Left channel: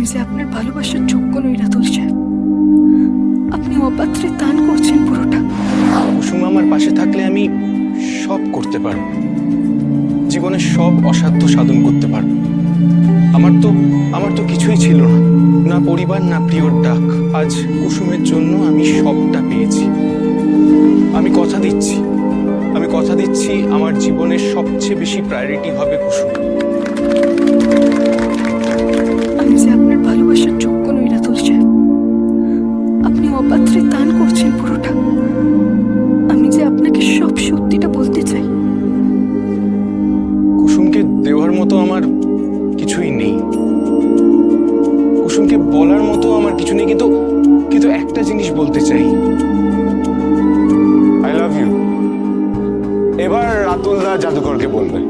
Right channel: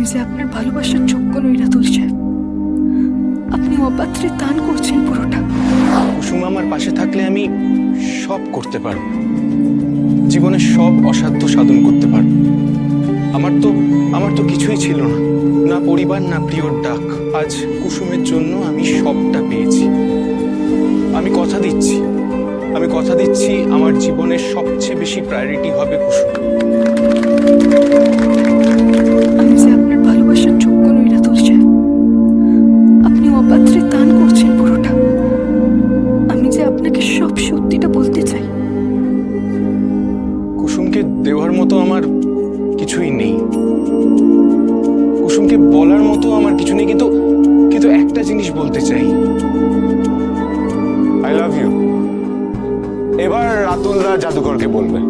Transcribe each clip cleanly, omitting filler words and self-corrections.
আমি যে আপনার ভালোবাসার যোগ্য নই রাতুল সাহেব। আপনি অপাত্রে দান করছেন পুরোটা। কুসুম আমার পাশে থাকলে আমি সব করতে পারব, জীবনের সব অসাধ্য সাধন করতে পারব। আমার তো কিছুই ছিল না, না পরিবার না প্রিয়র ডাক। আজ কুসুমের জন্য আমি সবটা পেয়েছি। আমি কথা দিচ্ছি আমার জীবনের সবচেয়ে বেশি প্রায়োরিটি হবে কুসুম। আমি যে আপনার ভালোবাসার যোগ্য নই রাতুল সাহেব। আপনি অপাত্রে দান করছেন পুরোটা। আমি যে আপনাকে সব সত্যিটা বলতে চাই। কুসুমকে দেওয়ার মতো আমার কিছুই নেই, কুসুমকে বলার মতো আমার কিছু নেই, কিন্তু একটা জিনিস বলতে চাই, আই লাভ ইউ। এবার রাতুলদা জাদুকরকে বলবে।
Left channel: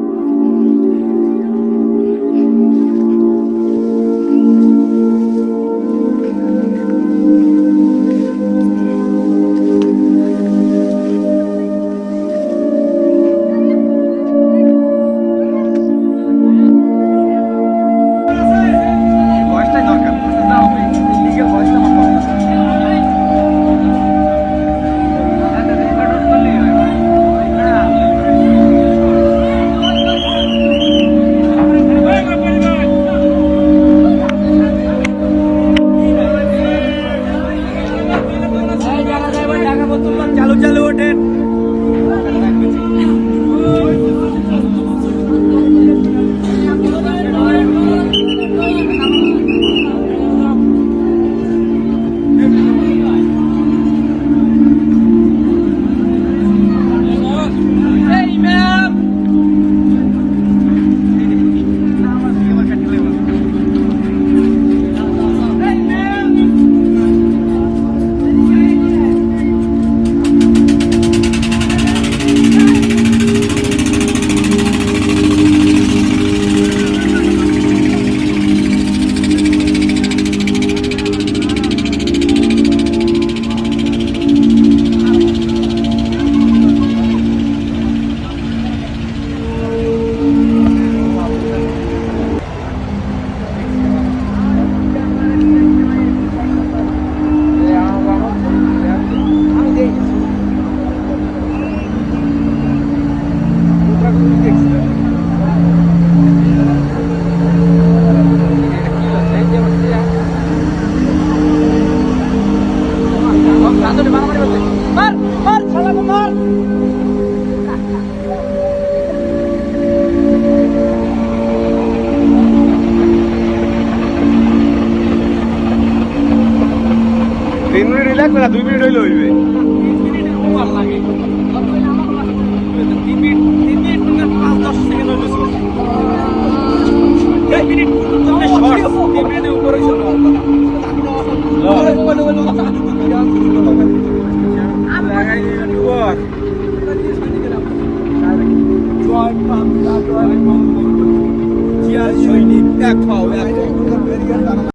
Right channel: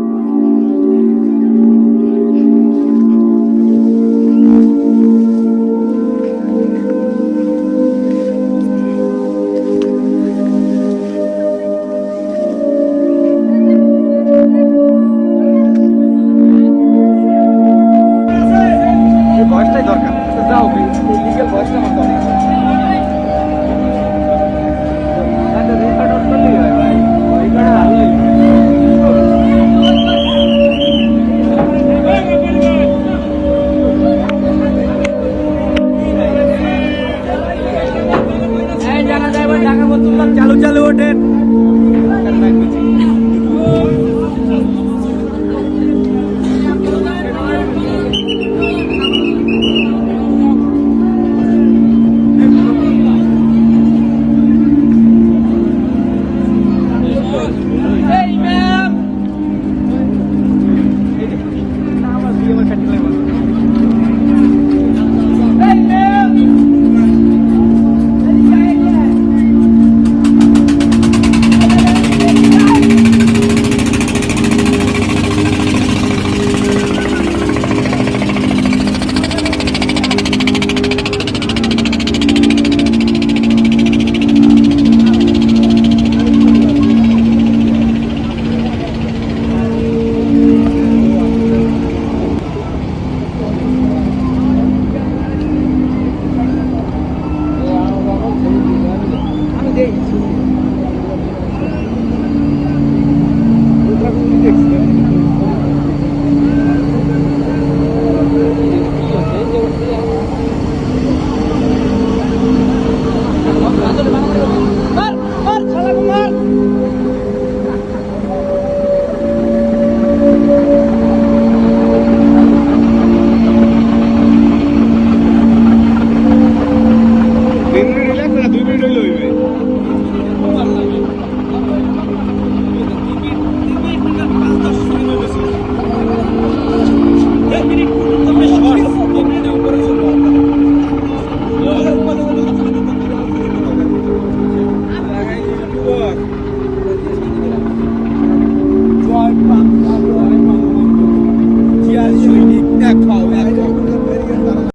চালু ওঠেন। লাগবে না, 2 মিনিট হইলে হইবে।